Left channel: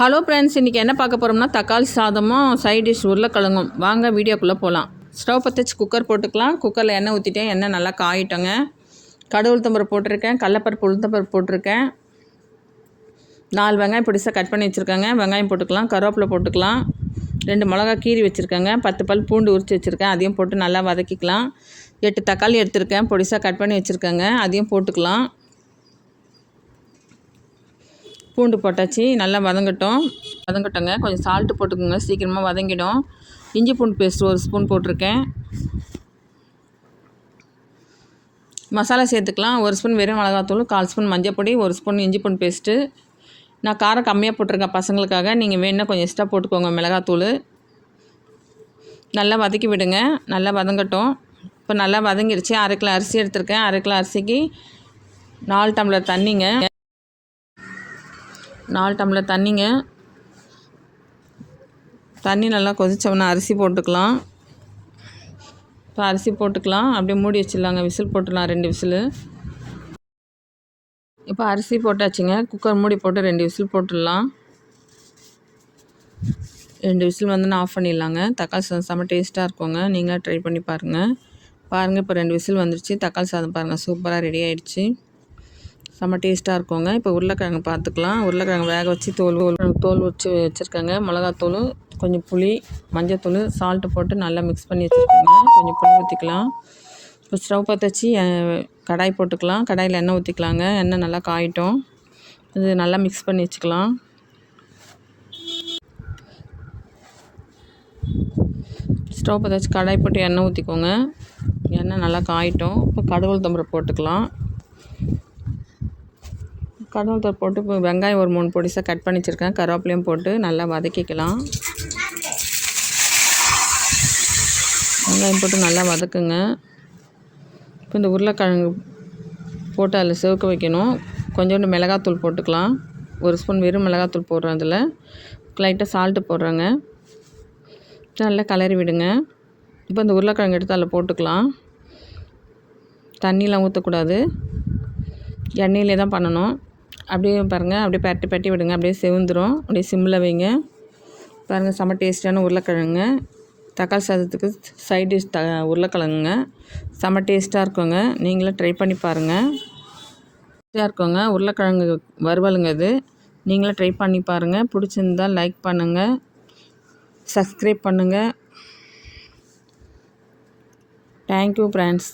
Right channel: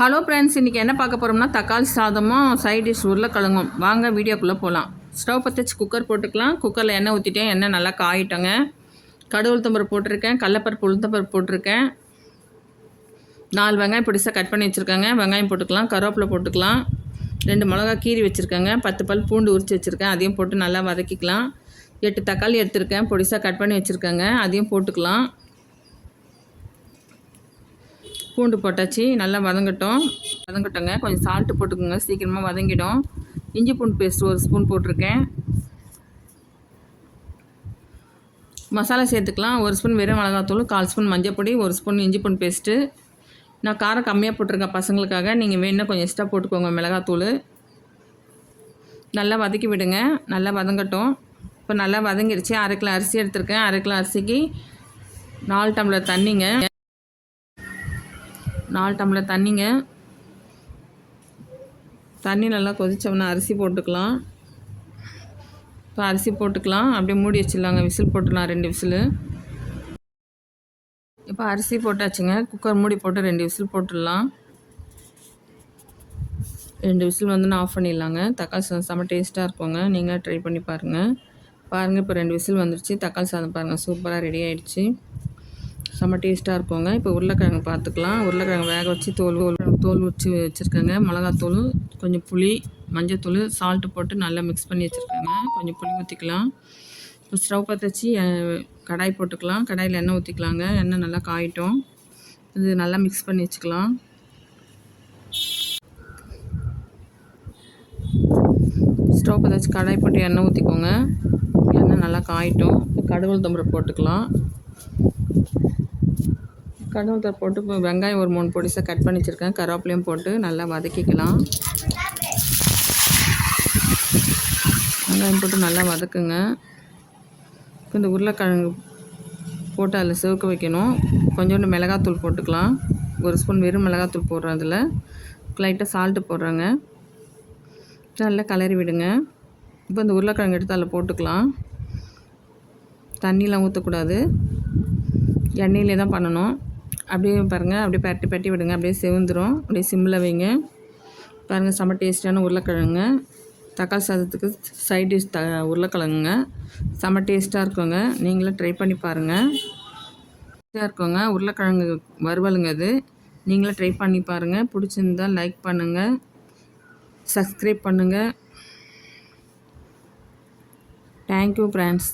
Hello friends, இன்றைக்கி என்ன பார்க்க போகிறோம்னா தக்காளி சாதமும் சைட் டிஷ் உருளைக்கிழங்கும். வாங்க வீடியோக்குள்ளே போகலாம். ஸ்டவ் பற்ற வச்சு குக்கர் போட்டுக்கலாம். குக்கரில் எண்ணெய் ஊற்றிட்டேன். எண்ணெய் நல்லா காயிட்டோங்க. கடுகு உளுத்தம்பருப்பு போட்டிருக்கேன், கடலப்பருப்பு உளுத்தம்பருப்பு போட்டிருக்கேன். 4 வெங்காயம் பொடிசாக கட் பண்ணி வச்சுருக்கேங்க. வெங்காயம் போட்டுக்கலாம். கருவேப்பிலை போட்டுக்கலாம். 2 மிளகா கீரி வச்சுருக்கேங்க. 10 பல் பூண்டு உரித்து வச்சுருக்கேன். அதையும் போட்டு நல்லா வதக்கிக்கலாம். 8 தக்காளி எடுத்துருக்கேன், பொடிசாக கட் பண்ணி வச்சுருக்கேங்க. அதையும் போட்டுக்கலாம். பூண்டு போட்டாச்சு, நல்லா வதங்கட்டோங்க. கொஞ்சம் சால்ட்டு போட்டுக்கோங்க, சீக்கிரமாக வதங்கிடும். இஞ்சி பூண்டு பேஸ்ட் 1 ஸ்பூன் போட்டிருக்கேன். மசாலா சேர்த்துக்கலாம். 1 ஸ்பூன் வெறும் மிளகாத்தூள், 1/4 ஸ்பூன் மஞ்சள் பொடி, 1 ஸ்பூன் இஞ்சி பூண்டு பேஸ்ட்டு. நான் காரம் கம்மியாக போட்டிருக்கேன் பசங்களுக்காக. நீங்கள் வேணுன்னா கொஞ்சம் எக்ஸ்ட்ரா போட்டுக்கோங்க மிளகாத்தூள். நல்லா வதக்கி விடுங்க. நல்லா வதங்கட்டும். இப்போ நல்லா வதங்கிடுச்சு. 1/2 கிலோ அரிசி எடுத்திருக்கேன். 1/2 கிலோ அரிசிக்கு 4 டம்ளர் தண்ணிங்க. 4 டம்ளர் தண்ணிங்க. தண்ணி நல்லா கொதிச்சோம்னா அரிசி போட்டுக்கலாம். இப்போ அரிசி போட்டுக்கலாம். அப்படியே மூடி வச்சிடலாங்க. விசில் போட்டுடலாம், 2 விசில். இப்போ அரிசி போட்டாச்சுங்க. குக்கர் மூடி போட்டு 2 விசில் போட்டுடலாம். 2 விசில் வந்து ஆஃப் பண்ணிடலாங்க. தக்காளி சாதம் செம்ம டேஸ்ட்டாக இருக்குங்க. நீங்களும் ட்ரை பண்ணி பாருங்கள். இப்போ 2 விசில் வந்துடுச்சு. தக்காளி சாதம் பாருங்கள், சூப்பராக ரெடி ஆகிடுச்சு. செம்ம டேஸ்ட்டாக இருக்குங்க. இப்போ உருளைக்கிழங்கு பார்த்துக்கலாம். உருளைக்கிழங்கு வேக வச்சு தோல் வச்சு வச்சுருக்கேங்க. மிளகாத்தூள், கொஞ்சம் புளி, மஞ்சத்தூள், சால்ட்டு போட்டு நல்லா மிக்ஸ் பண்ணி வச்சுருக்கேங்க. கொஞ்சம் புளி ஊற்றிக்கலாம். இப்போ ஸ்டவ் பற்ற வச்சு கடாய் போட்டுக்கலாம். கடாயில் எண்ணெய் ஊற்றிக்கலாங்க. எண்ணெய் நல்லா காயிட்டும். இது நல்லா மிக்ஸ் பண்ணி வச்சுக்கலாம். ஸ்டவ் பற்ற வச்சு கடாய் போட்டு எண்ணெய் ஊற்றிக்கோங்க. எண்ணெய் நல்லா காயிட்டும். இப்போ கடுகு உளுத்தம்பருப்பு போட்டுக்கலாம். கடுகு போட்டு இப்போ வெங்காயம் ஒரு 3 பொடிசாக கட் பண்ணி வச்சுருக்கேன். கருவேப்பிலையும் போட்டு நல்லா வதக்கிக்கலாம். வெங்காயம் போட்டு நல்லா வதக்குங்க. இப்போ இந்த உருளைக்கிழங்கு போட்டு அதில் சிவக்க வைக்கணும். கொஞ்சோண்டு மிளகாத்தூள் போட்டுக்கலாம். 1 ஸ்பூன் வெறும் மிளகாத்தூள் போடுறேன். அதில் லைட்டாக சால்ட்டு போடுறேங்க. நல்லா கலரி விடுங்க. இப்போ இந்த உருளைக்கிழங்கு எடுத்து அதில் போட்டுக்கலாம். தண்ணிலாம் ஊற்றக்கூடாது, எண்ணெயிலே தான் பண்ணணும். அப்படியே பாருங்கள், அப்படியே பரட்டி விடுங்க. அப்படியே செவந்துடும். அப்படியே சிம்மில் வைங்க. பாருங்கள், செம்ம டேஸ்ட்டான உருளைக்கிழங்குங்க. தக்காளி சாதத்துக்கு சைட் டிஷ் உருளைக்கிழங்குங்க. செம்ம டேஸ்ட்டாக இருக்குங்க. நீங்களும் ட்ரை பண்ணி பாருங்கள். டேஸ்ட்டாக இருக்குங்க. உருளைக்கிழங்கு வறுவலுங்க இது. நீங்களும் ட்ரை பண்ணி பாருங்கள். பிடிச்சிருந்தால் லைக் பண்ணுங்கள், சப்ஸ்கிரைப் பண்ணுங்கள். Thank you friends.